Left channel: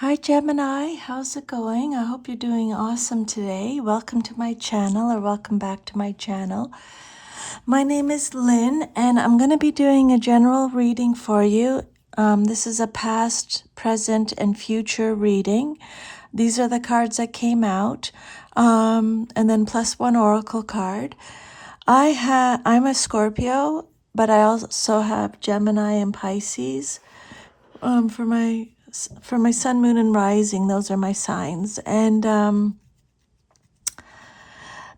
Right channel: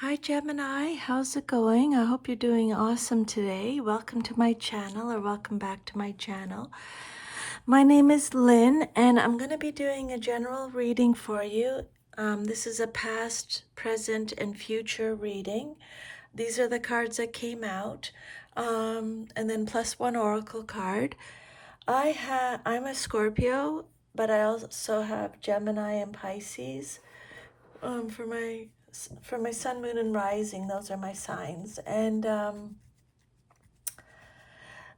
Hi Gemini, how's it going? I hope you're doing awesome today. Welcome to my channel or welcome back to my channel. My name is Lynn and I'm going to be doing a general reading for you. This is a past, present, and future reading. These are the cards that came out, and then plus one oracle card. I'm a Scorpio, but I also have Gemini and Pisces. For my sun, moon, and rising, those are my signs. And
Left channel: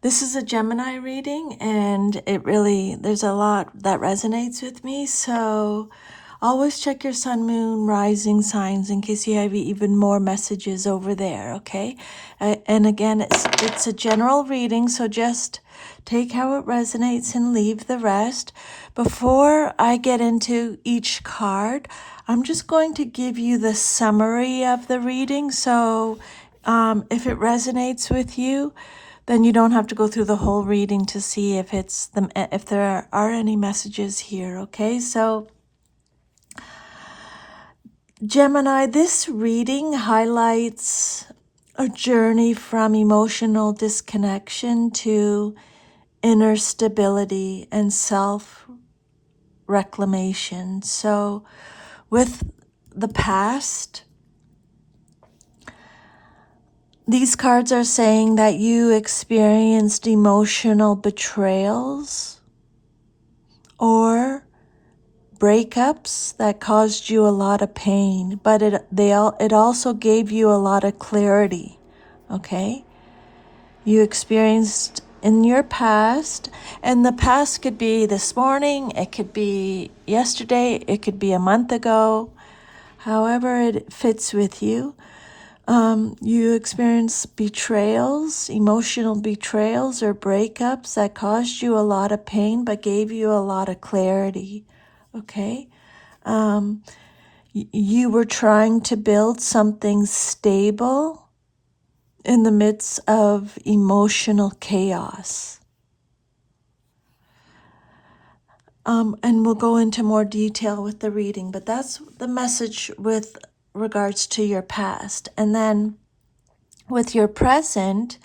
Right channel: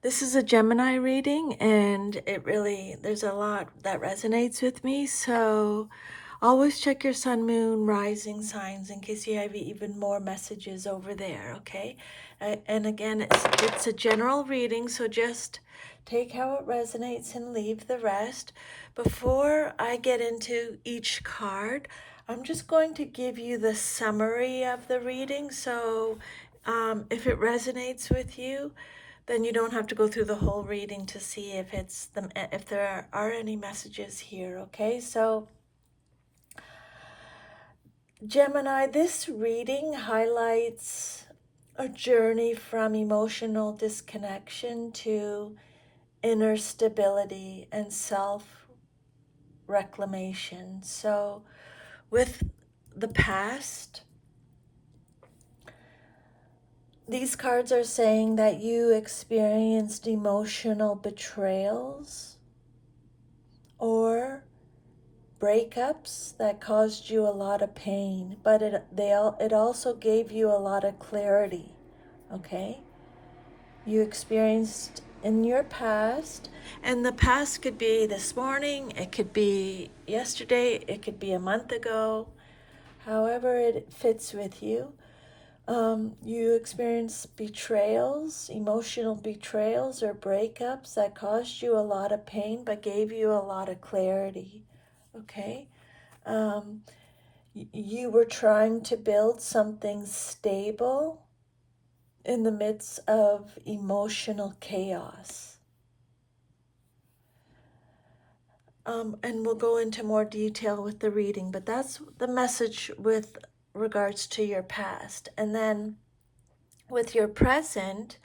this is a Gemini reading, and there's a lot that resonates with me. So always check your sun, moon, rising signs in case you have even more messages over there, okay? And again, it's a general reading, so just take how it resonates and leave the rest. Before I get into each card, I'm just going to give you the summary of the reading. So if it resonates with you, then you don't have to go through the whole reading to see if there are any messages here, okay? So Gemini, this reading highlights a journey from emotional disconnection to inner stability and self-reclamation. So with the past, these cards are saying that you experienced emotional betrayals or breakups that caused you a lot of pain, but it also gave you a lot of clarity, okay? You experienced in your past, and the past could be this morning, it could be yesterday, it could be a month ago, however it fits with you. You experienced betrayals, emotional betrayals or breakups that caused you a lot of pain but gave you a lot of clarity, okay? You were trying to build something stable in the midst of emotional chaos. And we'll go into more detail with the reading, but that's the message with regards to your past. And then with your present,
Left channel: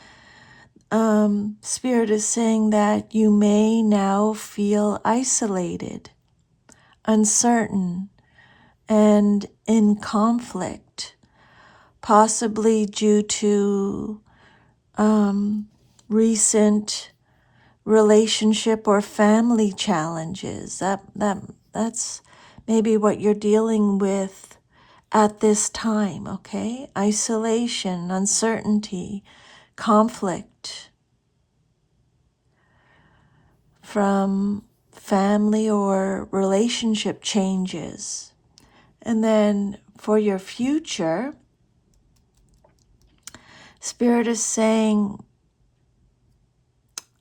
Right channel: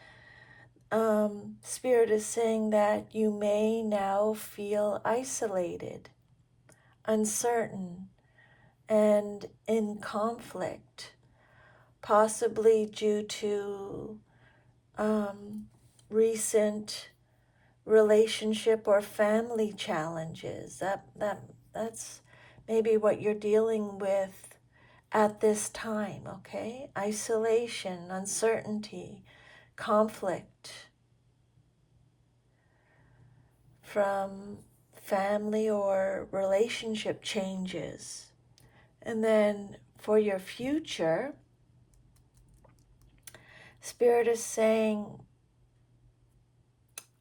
Spirit is saying that you may now feel isolated, uncertain, and in conflict, possibly due to recent relationship or family challenges. That's maybe what you're dealing with at this time, okay? Isolation, uncertainty, conflict from family or relationship changes. And then for your future, Spirit is saying,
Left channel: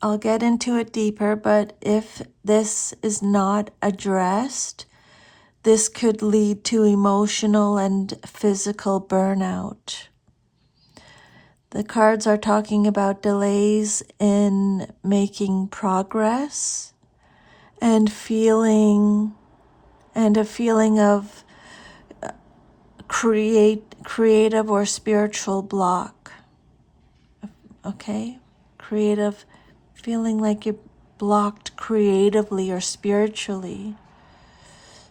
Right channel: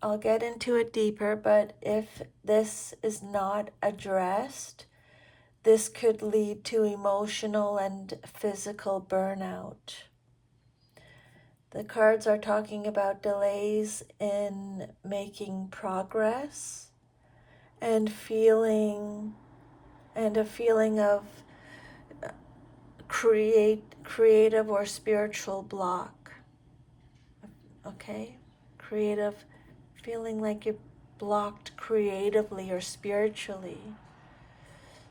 I'll get into it deeper, but if this is not addressed, this could lead to emotional and physical burnout. The cards are talking about delays in making progress and a feeling of creative or spiritual block. Okay? Feeling like you're blocked creatively or spiritually.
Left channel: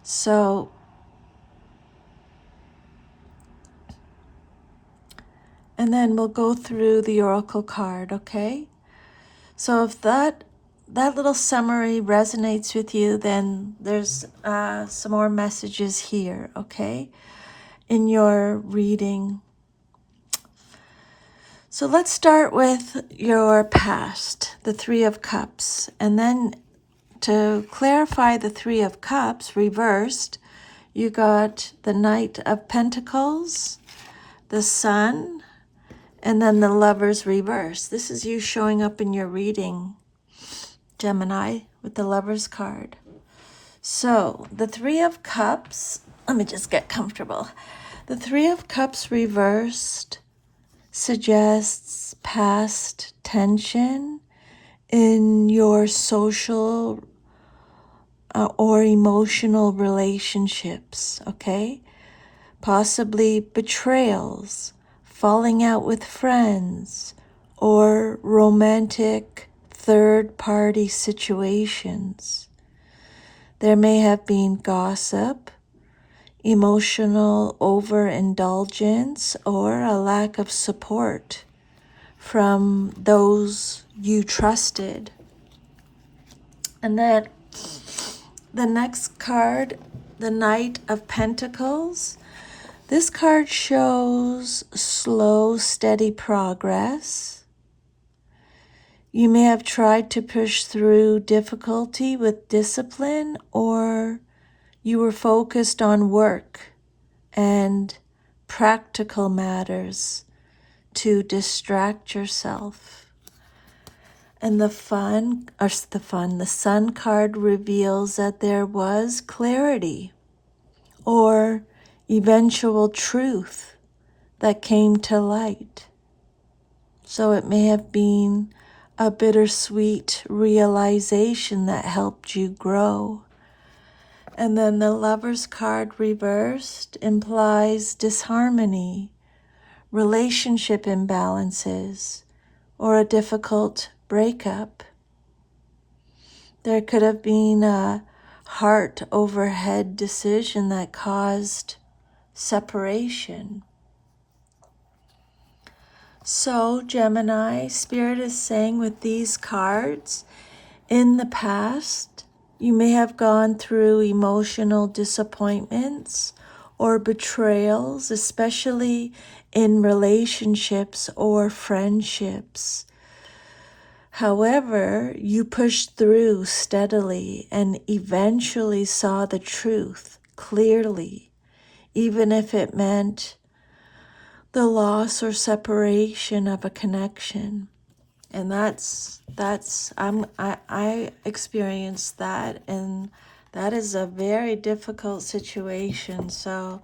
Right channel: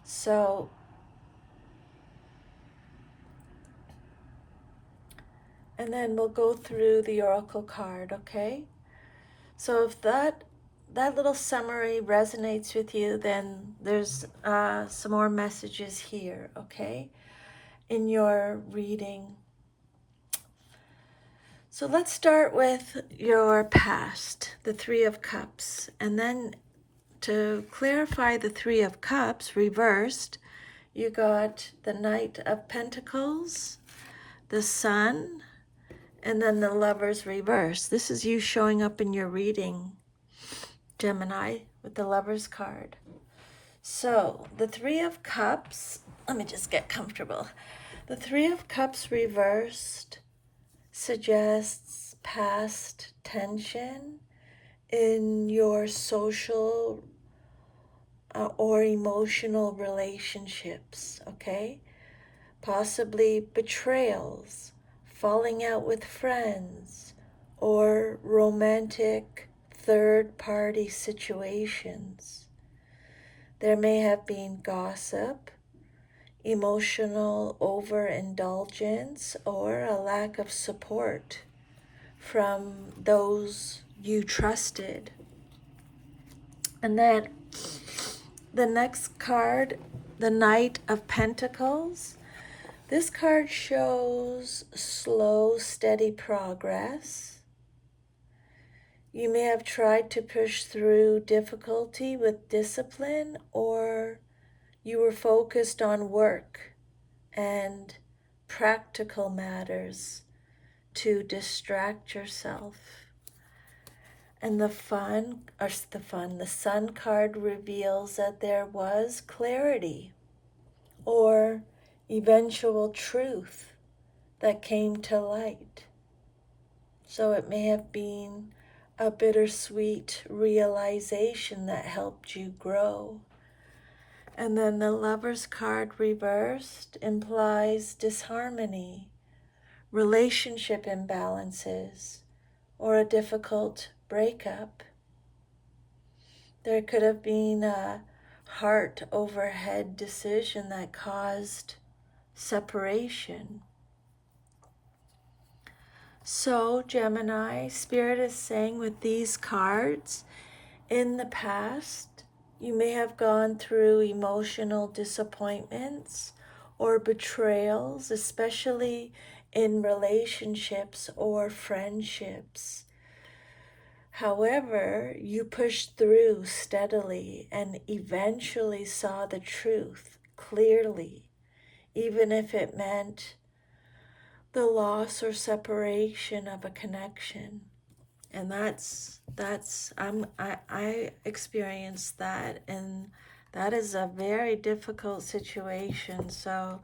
So and then we'll go through the oracle card, okay? So if that little summary resonates with you, then there's some more messages here, okay, in your reading. So let's start with your past, the Three of Cups. And then to clarify the Three of Cups reversed, you got the Knight of Pentacles, the Sun, and then the Lovers reverse. This is you showing up in your reading, Gemini, with the Lovers card. So the Three of Cups, let me just get comfortable. The Three of Cups reversed suggests past tension in your social or emotional relationships, okay? possibly betrayals, falling out with friends, or romantic third-party situations. There may have been gossip, emotional overindulgence, or a lack of support from those you trusted. And then the next card, the Knight of Pentacles. This card shows slow, steady progress. You may have tried to push through difficulty with discipline, or you were focused on work and practical matters to distract yourself. And the Sun card reveals that there was clarity or eventual truth that came to light. So it may have been a bittersweet realization that helped you grow. And then the Lover's card reversed implies disharmony, relationship imbalances, or a difficult breakup. There could have been a heart over head decision that caused separation. So, Gemini, Spirit is saying with these cards, in the past, you may have gone through emotional disappointments or betrayals, especially in relationships or friendships. However, you pushed through steadily and eventually saw the truth clearly, even if it meant the loss or separation of a connection. And I experienced that, and that is a very difficult situation. So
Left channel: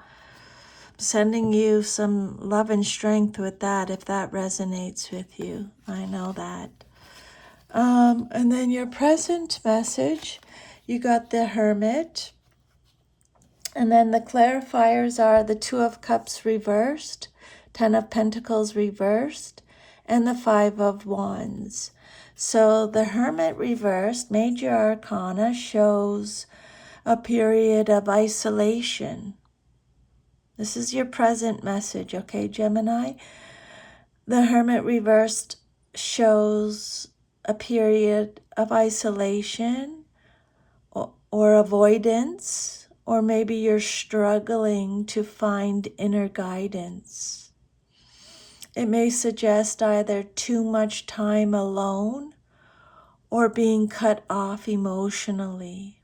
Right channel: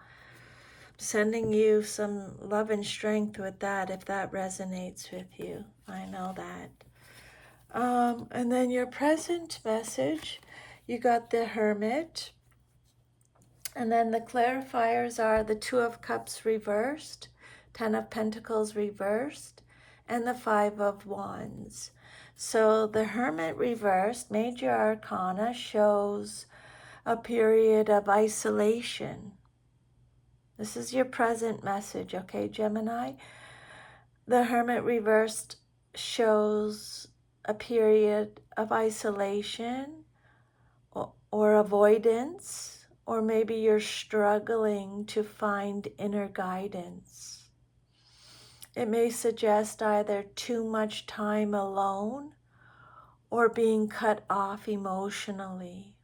sending you some love and strength with that, if that resonates with you. I know that. And then your present message, you got the Hermit. And then the clarifiers are the Two of Cups reversed, Ten of Pentacles reversed, and the Five of Wands. So the Hermit reversed, Major Arcana, shows a period of isolation. This is your present message, okay, Gemini? The Hermit reversed shows a period of isolation or avoidance, or maybe you're struggling to find inner guidance. It may suggest either too much time alone or being cut off emotionally.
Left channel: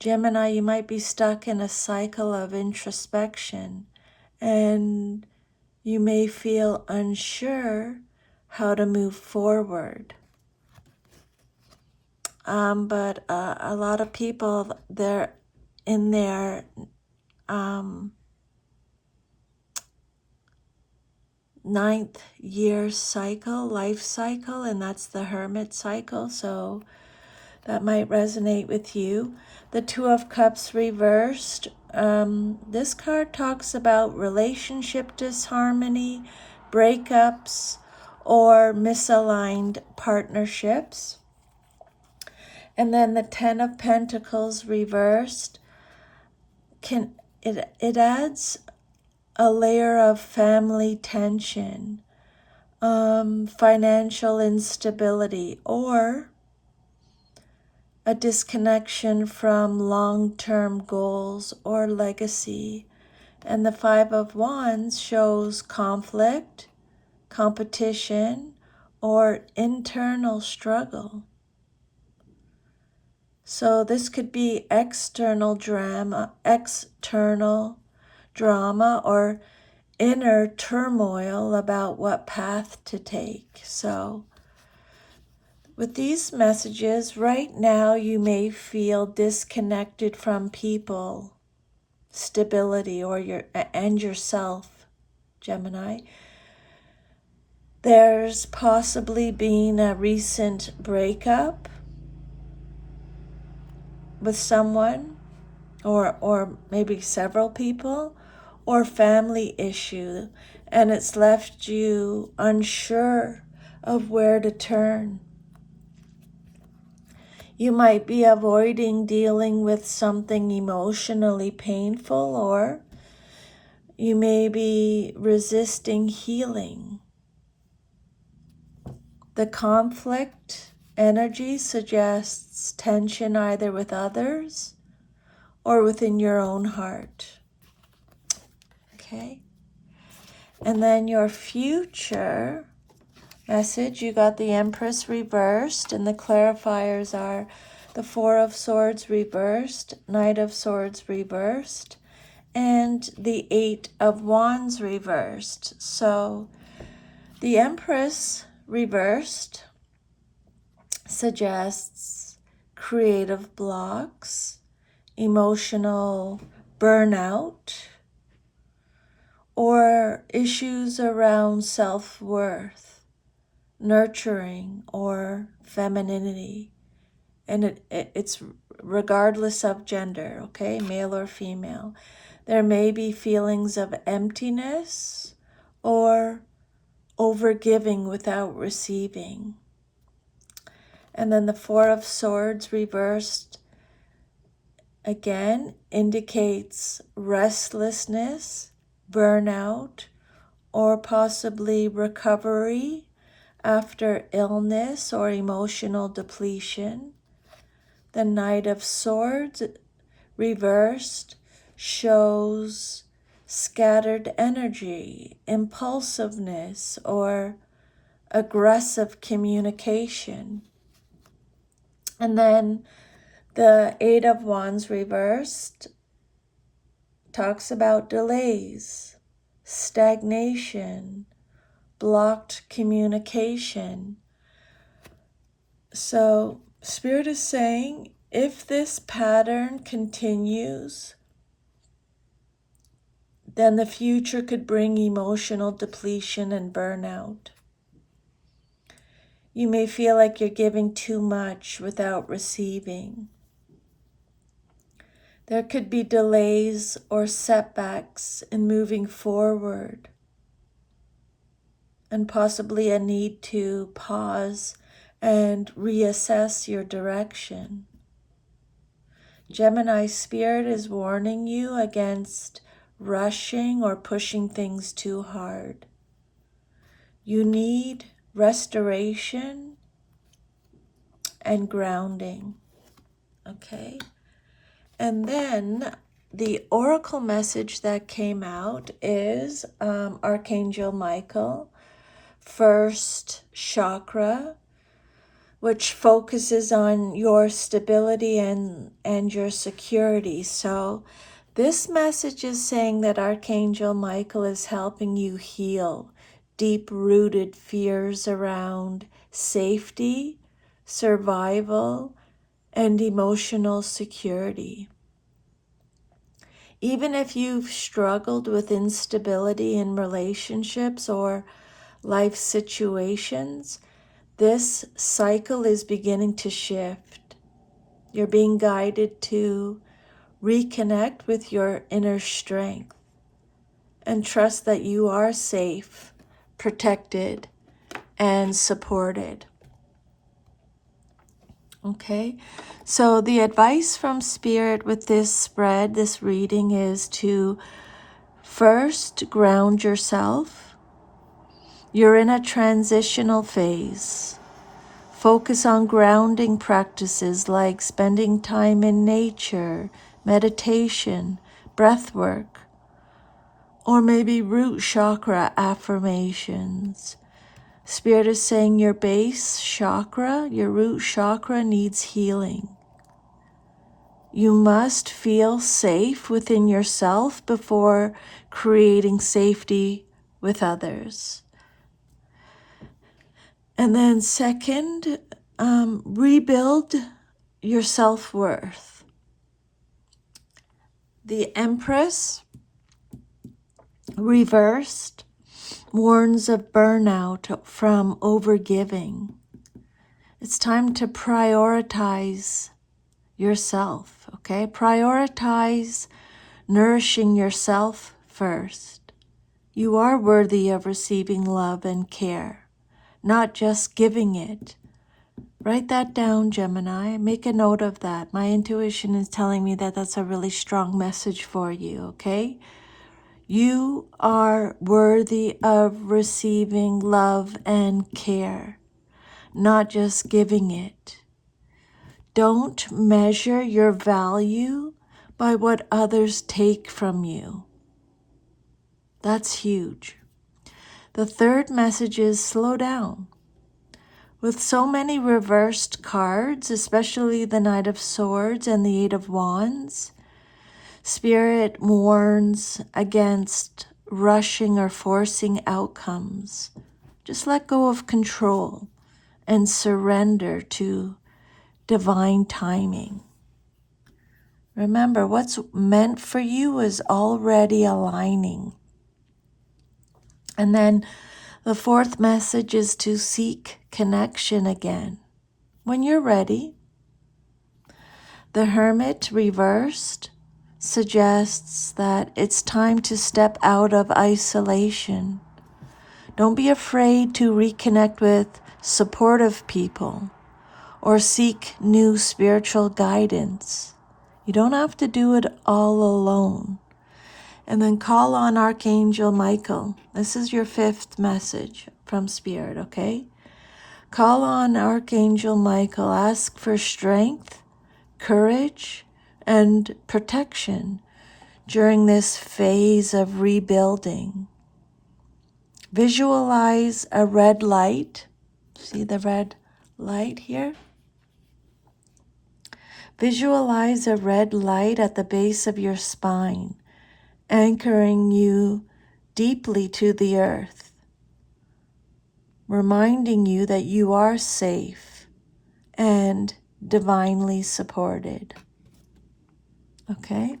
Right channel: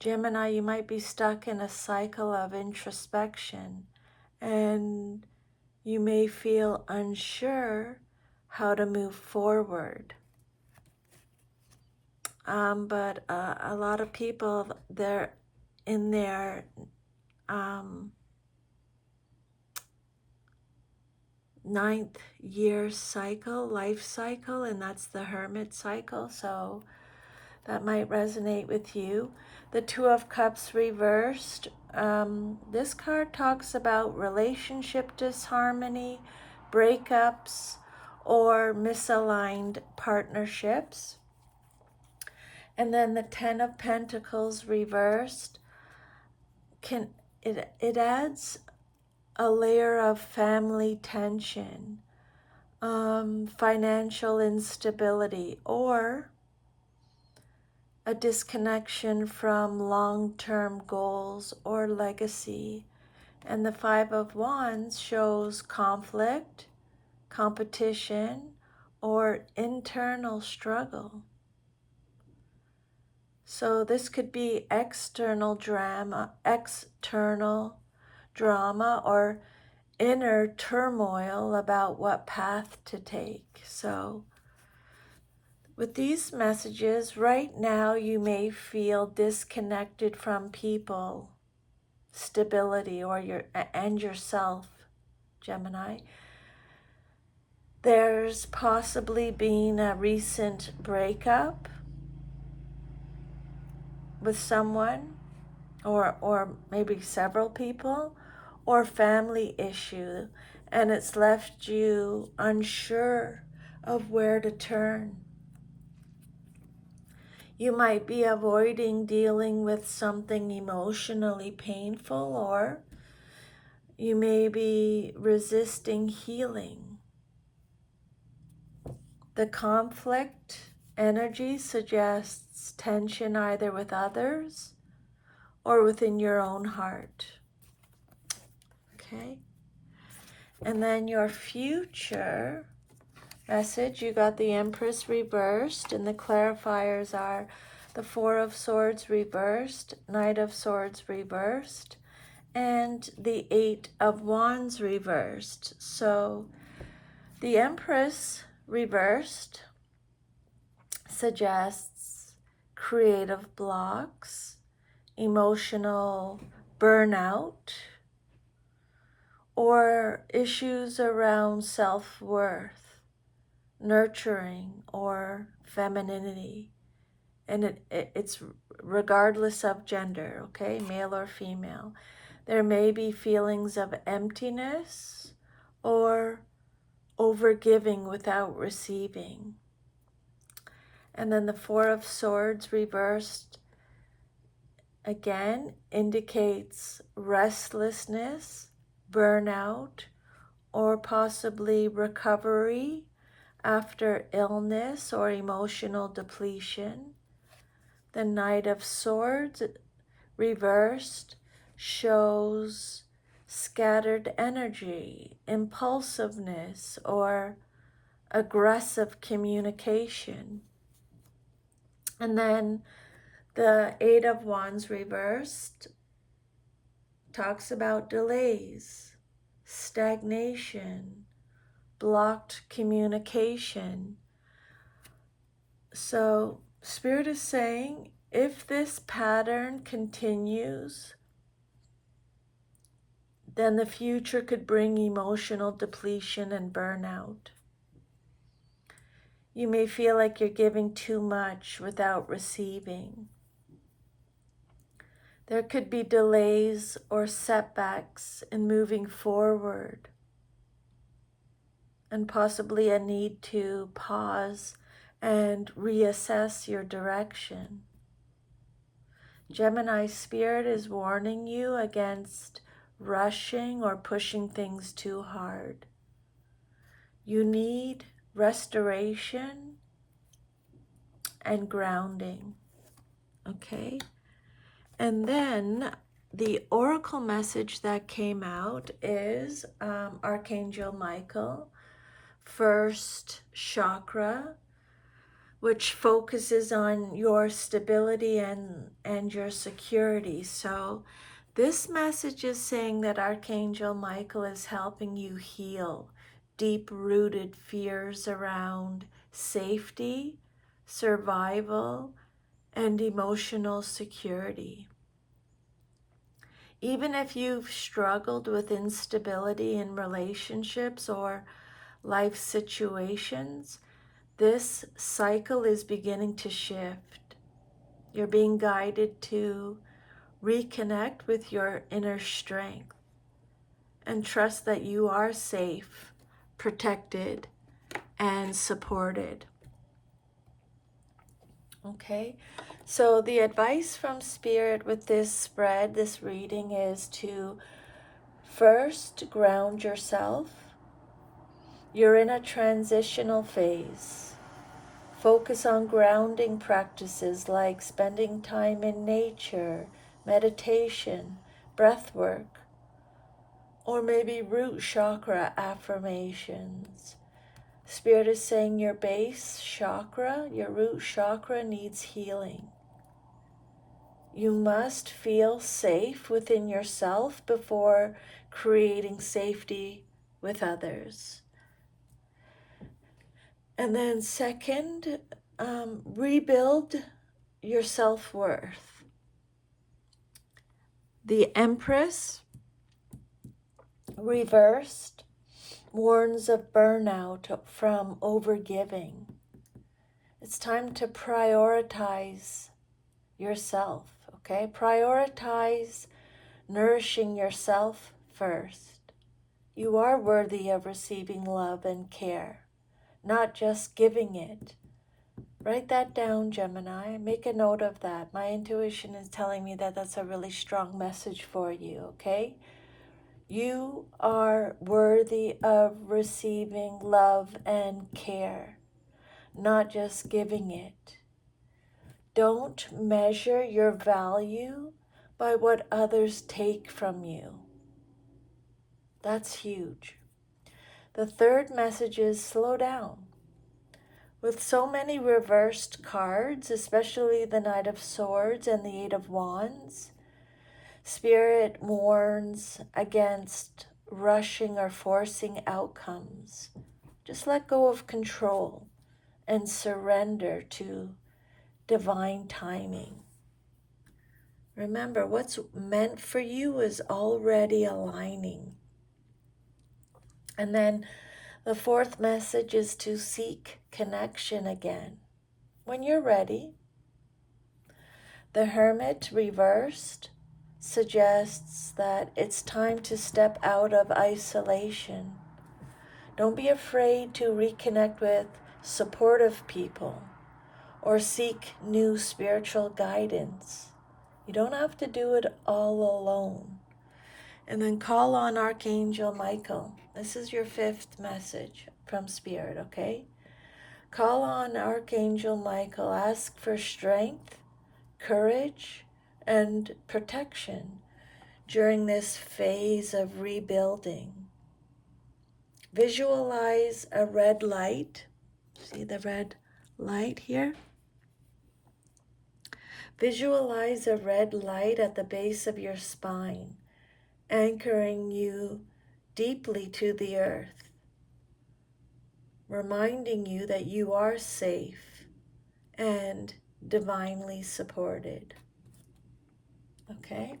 Gemini, you might be stuck in a cycle of introspection, and you may feel unsure how to move forward. But a lot of people, they're in their ninth year cycle, life cycle, and that's the Hermit cycle. So that might resonate with you. The Two of Cups reversed. This card talks about relationship disharmony, breakups, or misaligned partnerships. And then the Ten of Pentacles reversed. It adds a layer of family tension, financial instability, or a disconnection from long-term goals or legacy. And the Five of Wands shows conflict, competition, or internal struggle. So this could be external drama, or inner turmoil about what path to take. So with these messages, right now you may feel disconnected from people, stability, or yourself, Gemini. There's possibly been a recent breakup with someone, or maybe several people, or family issue, and it's left you unsure of where to turn. You might be avoiding dealing with something emotionally painful, or you may be resisting healing. The conflict energy suggests tension either with others or within your own heart. Okay? And then your future message, you got the Empress reversed, and the clarifiers are the Four of Swords reversed, Knight of Swords reversed, and the Eight of Wands reversed. So the Empress reversed suggests creative blocks, emotional burnout, or issues around self-worth, nurturing, or femininity. And it's regardless of gender, okay, male or female. There may be feelings of emptiness or overgiving without receiving. And then the Four of Swords reversed again indicates restlessness, burnout, or possibly recovery after illness or emotional depletion. The Knight of Swords reversed shows scattered energy, impulsiveness, or aggressive communication. And then the Eight of Wands reversed talks about delays, stagnation, blocked communication. So Spirit is saying, if this pattern continues, then the future could bring emotional depletion and burnout. You may feel like you're giving too much without receiving. There could be delays or setbacks in moving forward, and possibly a need to pause and reassess your direction. Gemini Spirit is warning you against rushing or pushing things too hard. You need restoration and grounding, okay? And then the oracle message that came out is Archangel Michael, first chakra, which focuses on your stability and your security. So this message is saying that Archangel Michael is helping you heal deep-rooted fears around safety, survival, and emotional security. Even if you've struggled with instability in relationships or life situations, this cycle is beginning to shift. You're being guided to reconnect with your inner strength and trust that you are safe, protected, and supported. Okay, so the advice from Spirit with this spread, this reading, is to first ground yourself. You're in a transitional phase. Focus on grounding practices like spending time in nature, meditation, breath work, or maybe root chakra affirmations. Spirit is saying your base chakra, your root chakra, needs healing. You must feel safe within yourself before creating safety with others. And then second, rebuild your self-worth. The Empress reversed warns of burnout from overgiving. It's time to prioritize yourself. okay? Prioritize nourishing yourself first. You are worthy of receiving love and care, not just giving it. Write that down, Gemini. Make a note of that. My intuition is telling me that that's a really strong message for you, okay? You are worthy of receiving love and care, not just giving it. Don't measure your value by what others take from you. That's huge. The third message is slow down. With so many reversed cards, especially the Knight of Swords and the Eight of Wands, Spirit warns against rushing or forcing outcomes. Just let go of control and surrender to divine timing. Remember, what's meant for you is already aligning. And then the fourth message is to seek connection again. When you're ready, the Hermit reversed suggests that it's time to step out of isolation. Don't be afraid to reconnect with supportive people or seek new spiritual guidance. You don't have to do it all alone. And then call on Archangel Michael. This is your fifth message from Spirit, okay? Call on Archangel Michael. Ask for strength, courage, and protection during this phase of rebuilding. Visualize a red light. See the red light here? Visualize a red light at the base of your spine, anchoring you deeply to the earth, reminding you that you are safe and divinely supported. Okay?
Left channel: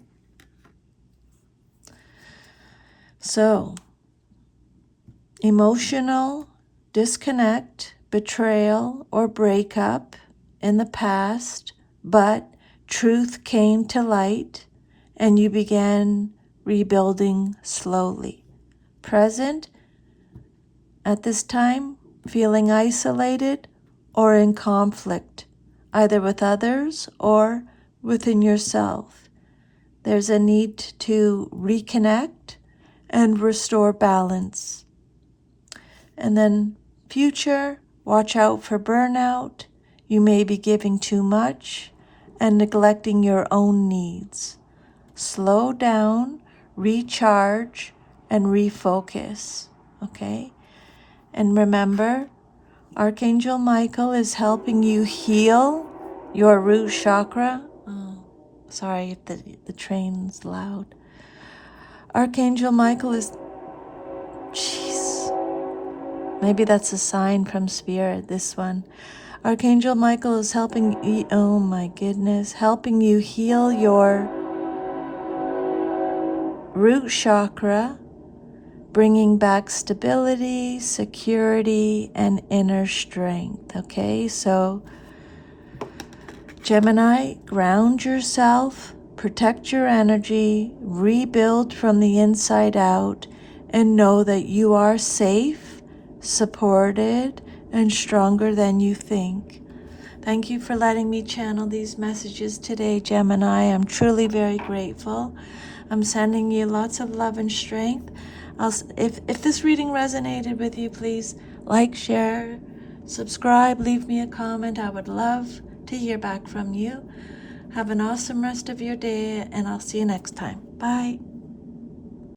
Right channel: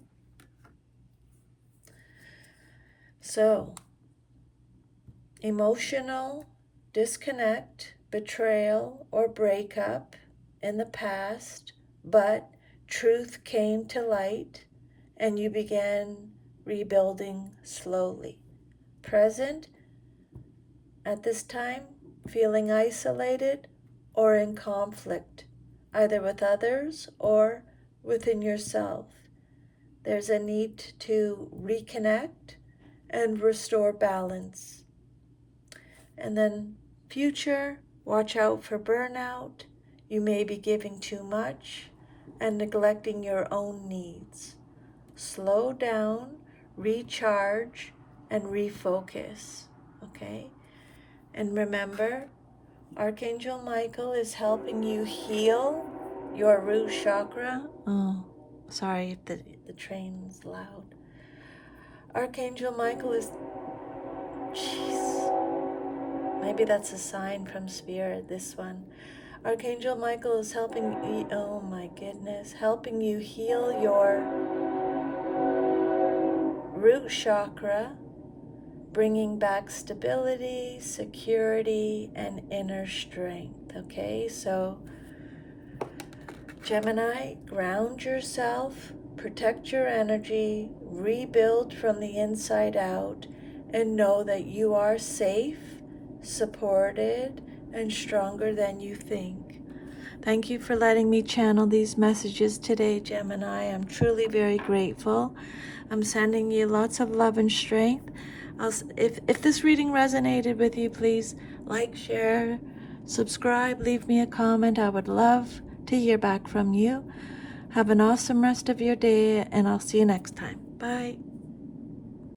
So, emotional disconnect, betrayal, or breakup in the past, but truth came to light and you began rebuilding slowly. Present, at this time, feeling isolated or in conflict, either with others or within yourself. There's a need to reconnect and restore balance. And then future, watch out for burnout. You may be giving too much and neglecting your own needs. Slow down, recharge, and refocus, okay? And remember, Archangel Michael is helping you heal your root chakra. Oh, sorry if the train's loud. Archangel Michael is, jeez, maybe that's a sign from Spirit, this one. Archangel Michael is helping you, oh my goodness, helping you heal your root chakra, bringing back stability, security, and inner strength, okay? So, Gemini, ground yourself, protect your energy, rebuild from the inside out, and know that you are safe, supported, and stronger than you think. Thank you for letting me channel these messages today, Gemini. I'm truly very grateful. I'm sending you lots of love and strength. If this reading resonated with you, please like, share, subscribe, leave me a comment. I would love to hear back from you. Have an awesome rest of your day, and I'll see you next time. Bye.